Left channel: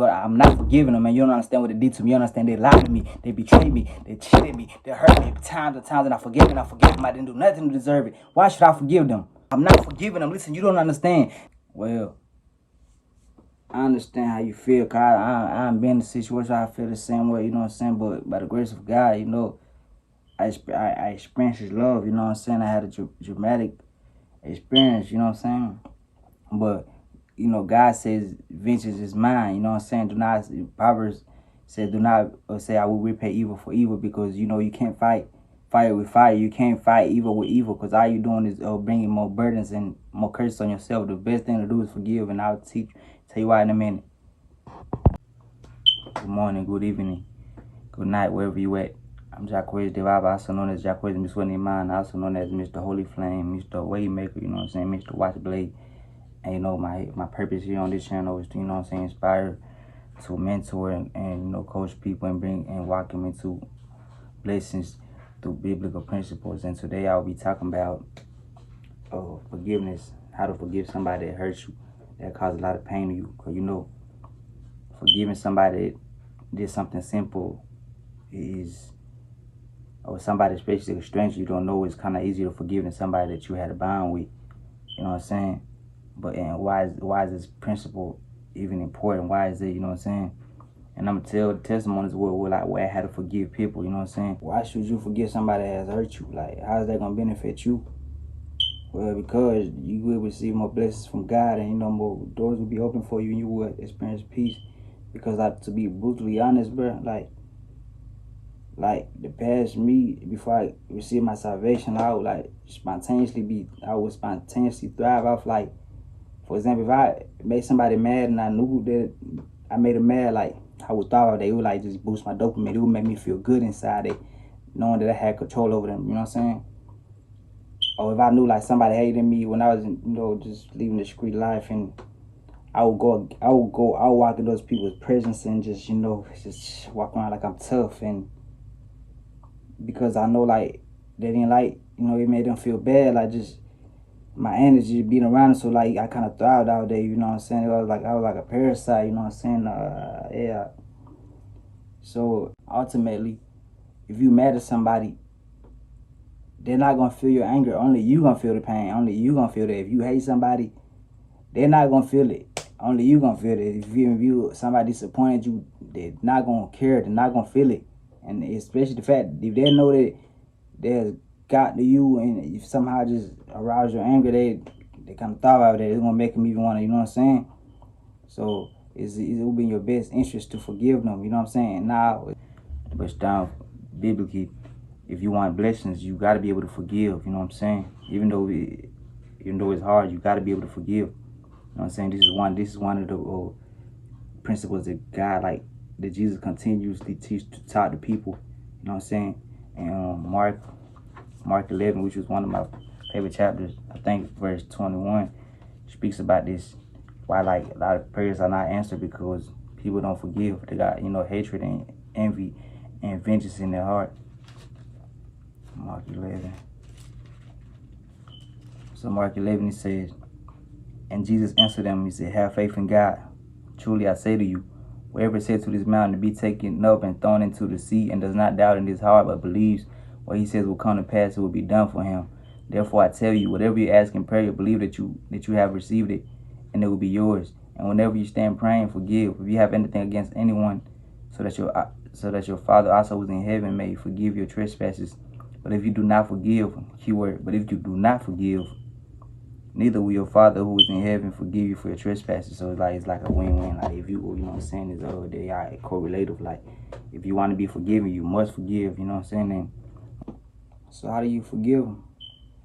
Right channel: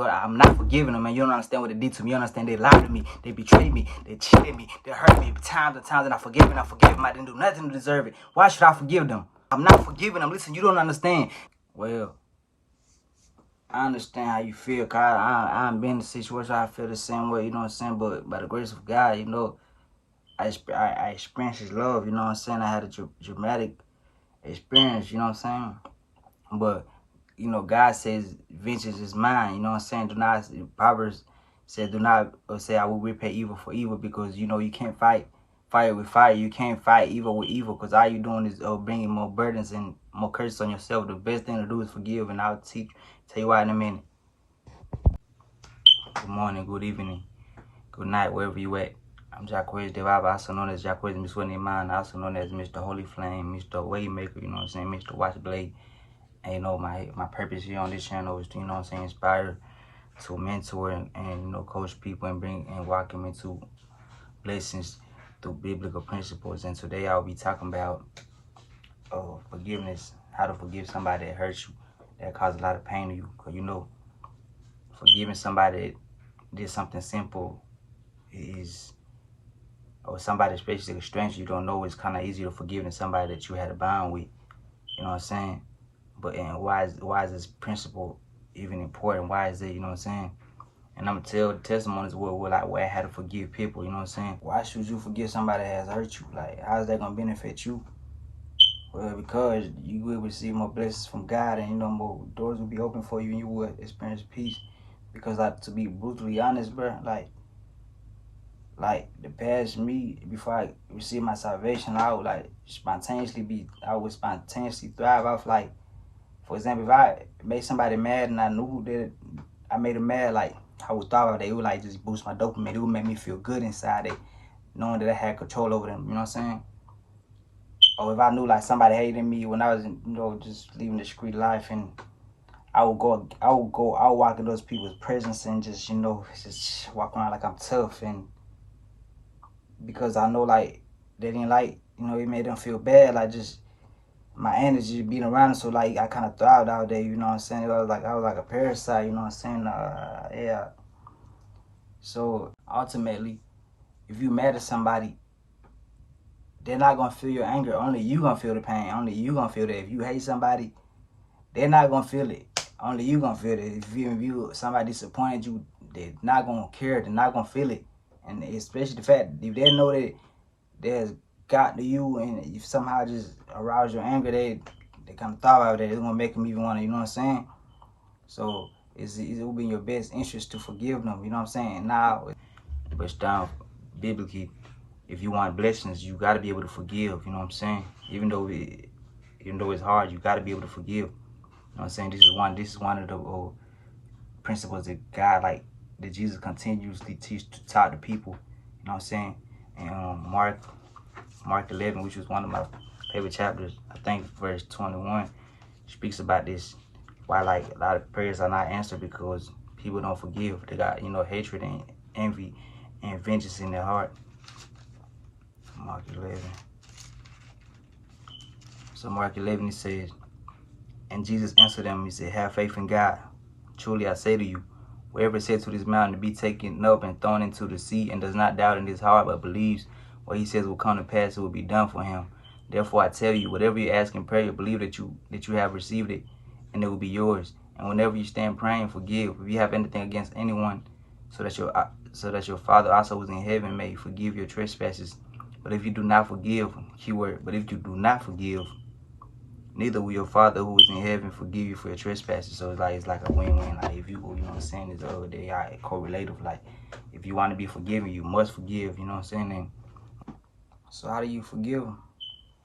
But I'm not forgiving them, and you don't understand what they did to me. You don't understand they lied to me, they betrayed me, they cheated me, they hurt me times and times, and I forgive them, I didn't do nothing to deserve it. Why should I forgive them? I'm not forgiving them. Listen, you don't understand. Well, I understand how you feel, cause I've been in a situation where I feel the same way, you know what I'm saying? But by the grace of God, you know, I experienced His love, you know what I'm saying? I had a dramatic experience, you know what I'm saying? But, you know, God says, vengeance is mine, you know what I'm saying? Do not, Proverbs says, do not say, I will repay evil for evil, because, you know, you can't fight fire with fire. You can't fight evil with evil, because all you're doing is bringing more burdens and more curses on yourself. The best thing to do is forgive, and I'll tell you why in a minute. Good morning, good evening, good night, wherever you at. I'm Jacquez Devaba, also known as Jacquez Miswani, also known as Mr. Holy Flame, Mr. Waymaker, you know what I'm saying, Mr. Watchblade. And, you know, my purpose here on this channel is to, you know what I'm saying, inspire, to mentor, and you know, coach people and bring and walk them into blessings through biblical principles. And today I'll be talking about forgiveness, how to forgive somebody that hurts you, that caused a lot of pain to you. Because, you know, forgiving somebody that did something simple is, or somebody, especially a stranger you don't know, is kind of easier to forgive than somebody that you had a bond with. You know what I'm saying? But and why is this principle even important? Why is it, you know what I'm saying? And I'm gonna tell the testimonies where I had to forgive people, you know what I'm saying? Why should you forgive somebody that has hurt you? Like, how is that gonna benefit you? Well, because you will receive more blessings from God, and, you know, more doors will be open for you, and you will experience peace. Because, like, to be brutally honest, bro, like the past me, before I received my salvation, I would spontaneously thrive off, like, for example, if I made somebody mad and I knew that I made them mad, like, I would thrive off that. It would, like, just boost my dopamine. It would make me feel good inside it, knowing that I had control over them, you know what I'm saying? Or if I knew, like, somebody hated me when I was, you know, just living the street life, and I would walk in those people's presence and just, you know, just walk around like I'm tough, and because I know, like, they didn't like, you know, it made them feel bad, like, just my energy being around them. So, like, I kind of thrived out there, you know what I'm saying? I was like a parasite, you know what I'm saying? Yeah. So ultimately, if you mad at somebody, they're not gonna feel your anger. Only you gonna feel the pain. Only you gonna feel that. If you hate somebody, they're not gonna feel it. Only you gonna feel it. If you somebody disappointed you, they're not gonna care. They're not gonna feel it. And especially the fact, if they know that there's got to you, and if somehow just arouse your anger, they kind of thought about that. It's gonna make them even want to, you know what I'm saying? So it will be in your best interest to forgive them, you know what I'm saying? Now, but it's down biblically, if you want blessings, you got to be able to forgive, you know what I'm saying? Even though it's hard, you got to be able to forgive. You know what I'm saying? This is one of the principles that God, like, that Jesus continuously taught the people, you know what I'm saying? And Mark 11, which was one of my favorite chapters, I think verse 21, speaks about this. Why, like, a lot of prayers are not answered because people don't forgive. They got, you know, hatred and envy and vengeance in their heart. Mark 11. So Mark 11, he says, and Jesus answered them, he said, have faith in God. Truly I say to you, whoever said to this mountain to be taken up and thrown into the sea, and does not doubt in his heart, but believes what he says will come to pass, it will be done for him. Therefore I tell you, whatever you ask in prayer, believe that you have received it, and it will be yours. And whenever you stand praying, forgive if you have anything against anyone, so that your Father also who is in heaven may forgive your trespasses. But if you do not forgive, but if you do not forgive, neither will your Father who is in heaven forgive you for your trespasses. So it's like a win-win. Like, if you know what I'm saying, they are correlative. Like, if you want to be forgiven, you must forgive, you know what I'm saying? And so how do you forgive them?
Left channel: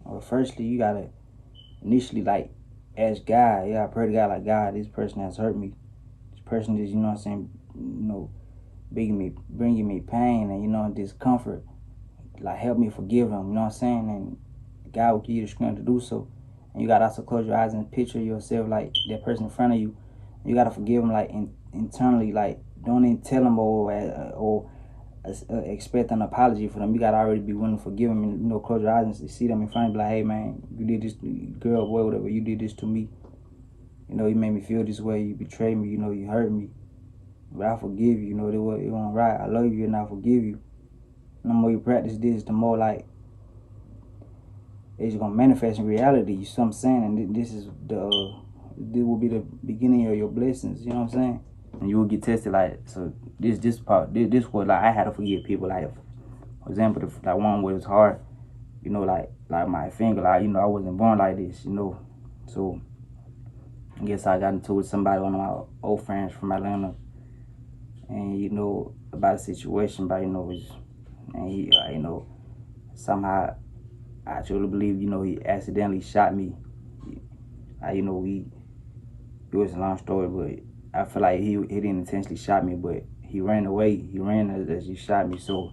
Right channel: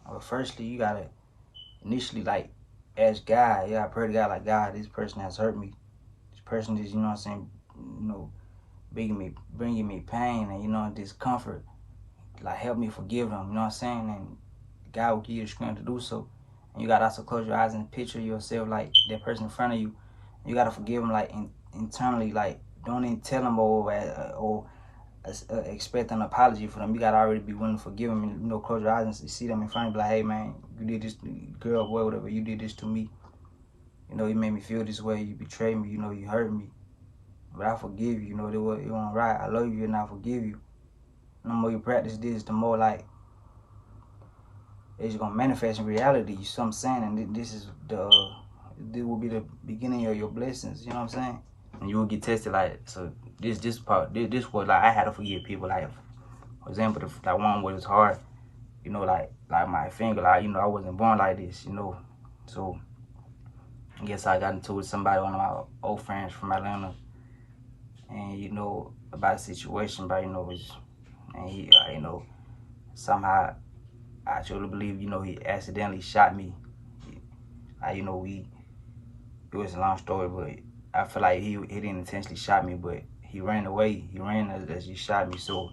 Well, firstly, you gotta initially, like, ask God. Yeah, I pray to God, like, God, this person has hurt me. This person is, you know what I'm saying, you know, bringing me pain and, you know, discomfort. Like, help me forgive them, you know what I'm saying? And God will give you the strength to do so. And you gotta also close your eyes and picture yourself like that person in front of you. You gotta forgive them, like, internally. Like, don't even tell them or expect an apology for them. You gotta already be willing to forgive them, and, you know, close your eyes and see them in front of you, like, hey man, you did this, girl, boy, whatever, you did this to me. You know, you made me feel this way, you betrayed me, you know, you hurt me. but I forgive you. You know, it wasn't right. I love you and I forgive you. The more you practice this, the more like it's gonna manifest in reality. You see what I'm saying? And this will be the beginning of your blessings. You know what I'm saying? And you will get tested. Like, so this was like I had to forgive people. Like, for example, like one was hard. You know, like my finger. Like, you know, I wasn't born like this. You know, so I guess I got into it with somebody, one of my old friends from Atlanta, and you know about the situation. But you know, and he, you know, somehow I truly believe, you know, he accidentally shot me. You know, it was a long story, but I feel like he didn't intentionally shot me, but he ran away. He ran as he shot me. So,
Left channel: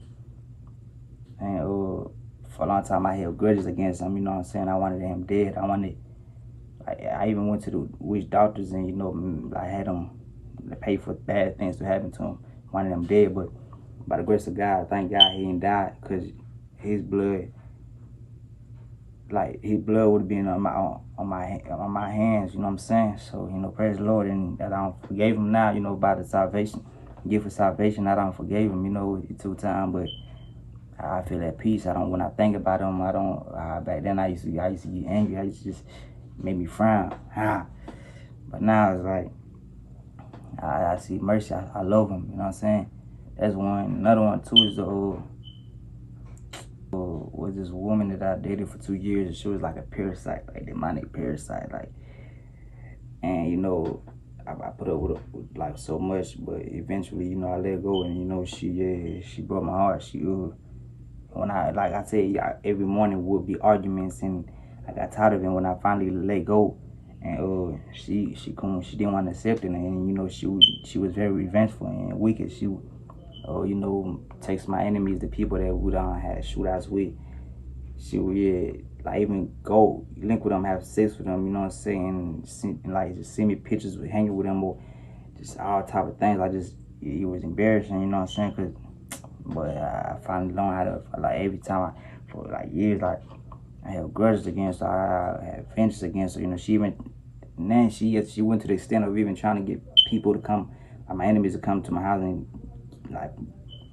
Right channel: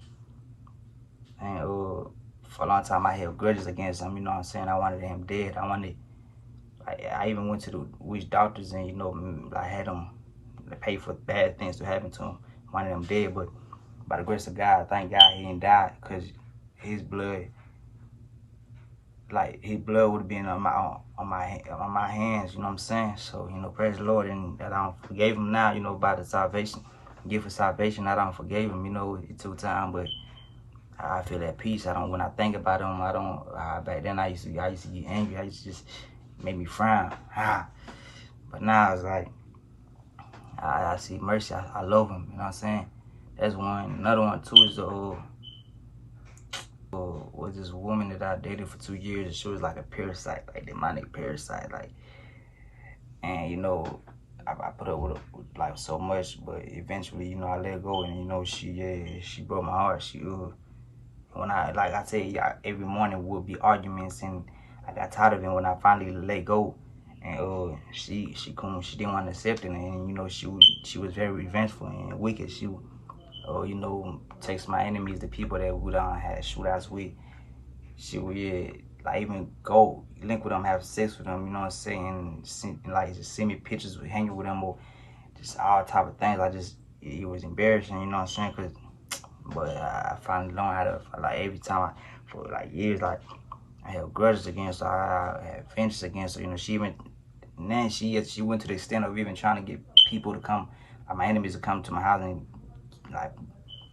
and for a long time I held grudges against him. You know what I'm saying? I wanted him dead. I even went to the witch doctors and, you know, I had them pay for bad things to happen to him. Wanted him dead, but by the grace of God, thank God he didn't die, because his blood would have been on my hands, you know what I'm saying? So, you know, praise the Lord, and that I don't forgave him now, you know, by the salvation, gift of salvation, I don't forgave him, you know, it took time, but I feel at peace. When I think about him, back then I used to get angry. I used to just make me frown. But now it's like, I see mercy. I love him, you know what I'm saying? That's one. Another one too is was this woman that I dated for 2 years, and she was like a parasite, like demonic parasite, like, and you know, I put up with like so much, but eventually, you know, I let go, and you know, she broke my heart. When I tell you, every morning would be arguments, and I got tired of it when I finally let go, and she didn't want to accept it, and you know, she was very revengeful and wicked. She you know, takes my enemies, the people that we done had shootouts with. She would, like, even go link with them, have sex with them, you know what I'm saying? Just send me pictures with hanging with them, or just all type of things. It was embarrassing, you know what I'm saying? But I finally learned how to, like, every time for like years, like, I had grudges against her, I had vengeance against her, you know. She went to the extent of even trying to get people to come, like my enemies to come to my house and like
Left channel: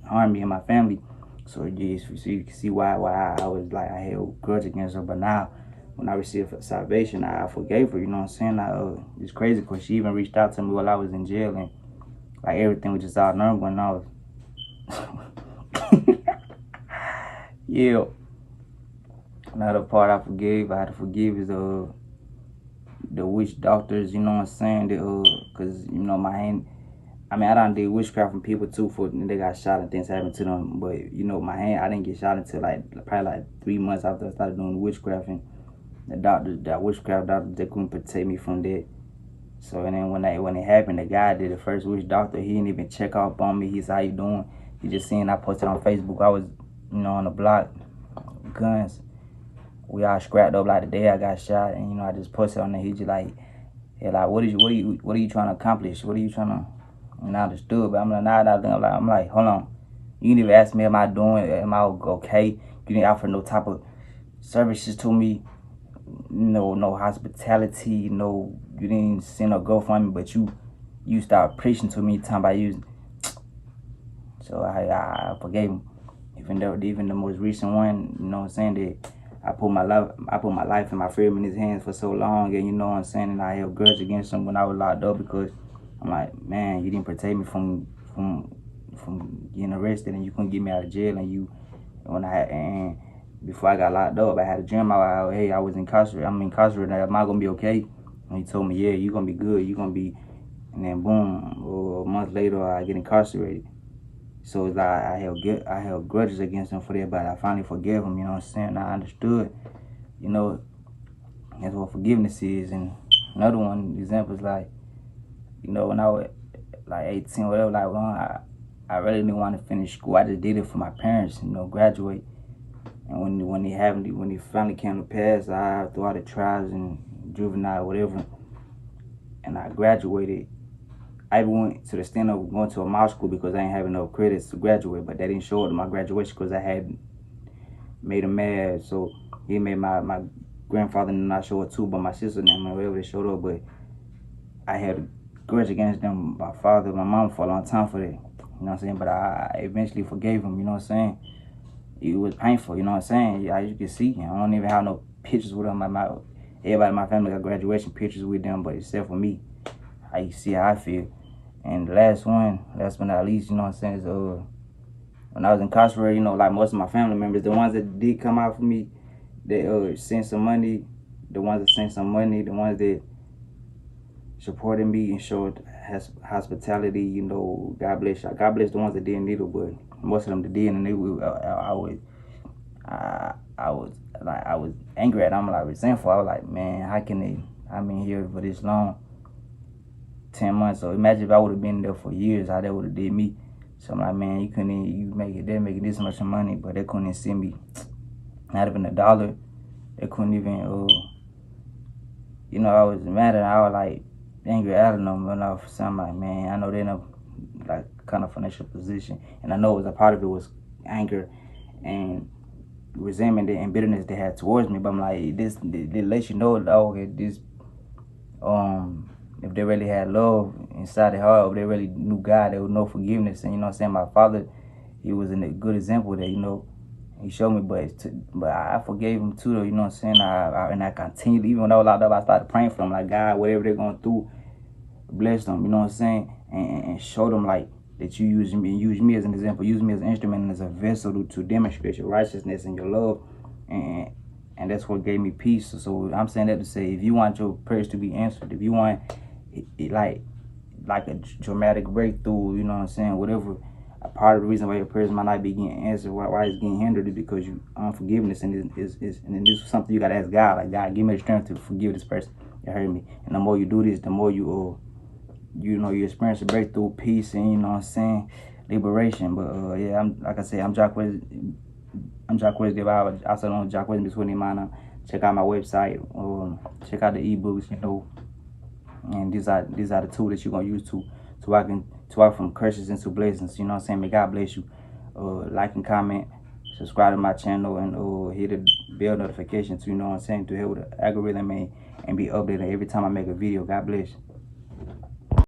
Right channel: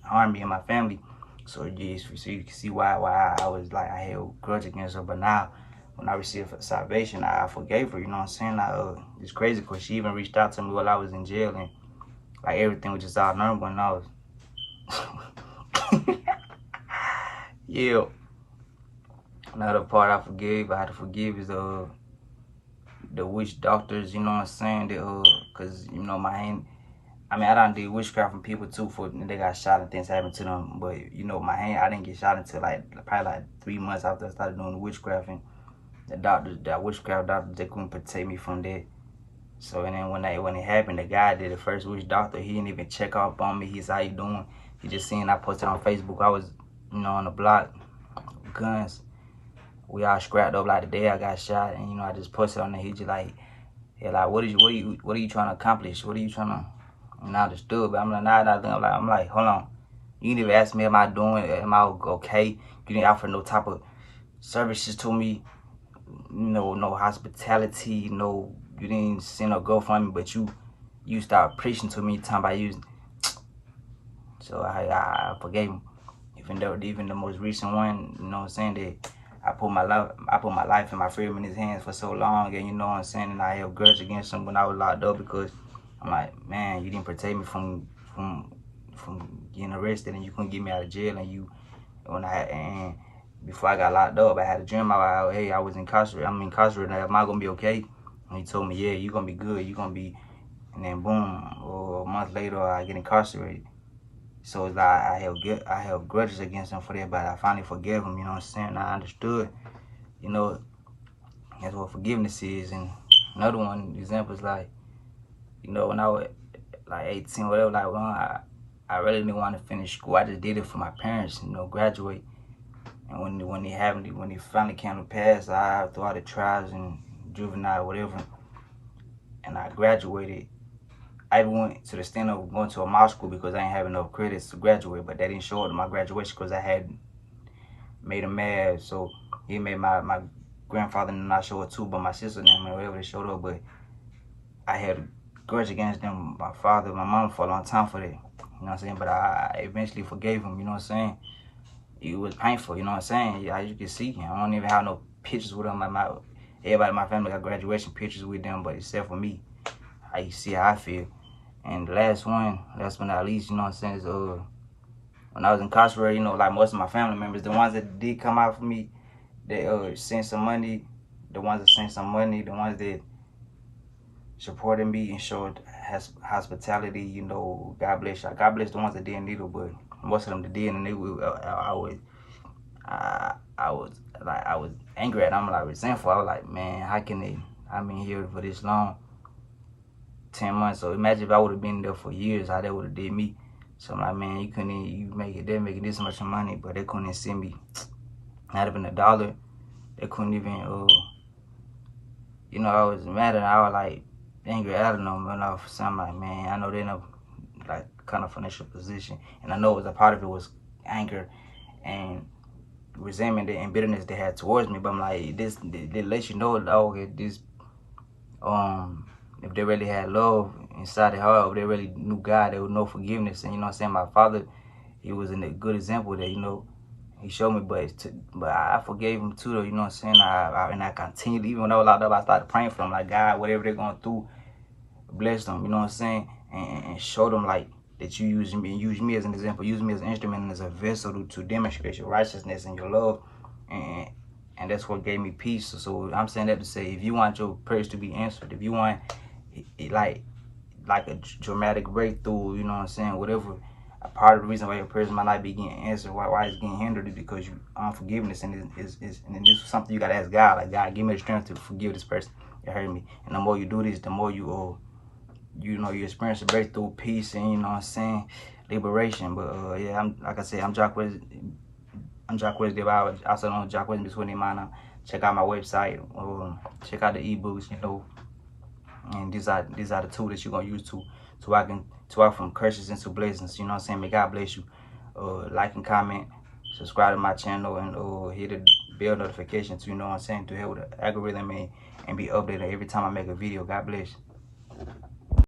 harm me and my family. So you can see why I was like, I held grudge against her. But now when I received salvation, I forgave her, you know what I'm saying? It's crazy because she even reached out to me while I was in jail, and like everything was just all normal, and I was yeah. Another part I had to forgive is the witch doctors, you know what I'm saying? Cause you know I done did witchcraft from people too, they got shot and things happened to them. But you know, I didn't get shot until probably 3 months after I started doing witchcraft, and the witchcraft doctors, they couldn't protect me from that. So, and then when it happened, the guy did the first witch doctor, he didn't even check up on me. He said, how you doing? He just seen I posted on Facebook. I was, you know, on the block, guns. We all scrapped up like the day I got shot, and you know, I just posted on there. He just like, what are you trying to accomplish? What are you trying to? And I understood, but I'm like, I'm like, hold on. You didn't even ask me, am I okay? You didn't offer no type of services to me. No hospitality. You didn't send a GoFundMe, but you started preaching to me, talking about you. So I forgave him. Even the most recent one, you know what I'm saying, that I put my life and my freedom in his hands for so long, and you know what I'm saying, and I held grudge against him when I was locked up, because I'm like, man, you didn't protect me from getting arrested, and you couldn't get me out of jail, and before I got locked up, I had a dream about, hey, I'm incarcerated, am I gonna be okay? And he told me, yeah, you're gonna be good, you're gonna be, and then boom, a month later, I get incarcerated. So it's like I held grudges against him for that, but I finally forgave him, you know what I'm saying? I understood, you know, that's what forgiveness is. And another one example is like, you know, when I was like 18 or whatever, like, well, I really didn't want to finish school. I just did it for my parents, you know, graduate. And when it finally came to pass, through all the trials and juvenile, whatever, and I graduated. I went to the extent of going to a mock school because I didn't have enough credits to graduate, but that didn't show up in my graduation because I had made him mad. So he made my grandfather not show up too, but my sister and whatever, they showed up. But I had grudge against them, my father, my mom, for a long time for that. You know what I'm saying? But I eventually forgave him, you know what I'm saying? It was painful, you know what I'm saying? As you can see, I don't even have no pictures with them. Everybody in my family got graduation pictures with them, but except for me, how you see how I feel. And the last but not least, you know what I'm saying, is when I was incarcerated, you know, like most of my family members, the ones that did come out for me, they sent some money, the ones that sent some money, the ones that supported me and showed hospitality, you know, God bless you. God bless the ones that didn't need it, but most of them that did, and I was angry at them, like resentful. I was like, man, how can they? I've been here for this long, 10 months. So imagine if I would have been there for years, how they would have did me. So I'm like, man, they're making this much money, but they couldn't even send me not even $1. They couldn't even, you know, I was mad and I was like angry at them, and all. So I'm like, man, I know they're in a like kind of financial position, and I know it was a part of it was anger and resentment and bitterness they had towards me. But I'm like, they let you know, okay, this if they really had love inside their heart, if they really knew God, there was no forgiveness. And you know what I'm saying, my father, he was a good example that, you know, he showed me, but I forgave him too, though, you know what I'm saying. And I continued, even when I was locked up, I started praying for them, like, God, whatever they're going through, bless them, you know what I'm saying, and show them like that you use me as an example, use me as an instrument and as a vessel to demonstrate your righteousness and your love, and that's what gave me peace. So I'm saying that to say, if you want your prayers to be answered, if you want like a dramatic breakthrough, you know what I'm saying, whatever, a part of the reason why your prayers might not be getting answered, why it's getting hindered, is because you unforgiveness, and this is something you gotta ask God, like, God, give me the strength to forgive this person that hurt me. And the more you do this, the more you you experience a breakthrough, peace, and you know what I'm saying, liberation. But yeah, like I said, I'm Jacquez Devine, also known as Jacquez between Imana. Check out my website, check out the ebooks, you know. And these are the tools that you're gonna use to walk from curses into blessings. You know what I'm saying? May God bless you. Like and comment, subscribe to my channel, and hit the bell notification to, you know what I'm saying, to help with the algorithm and be updated every time I make a video. God bless.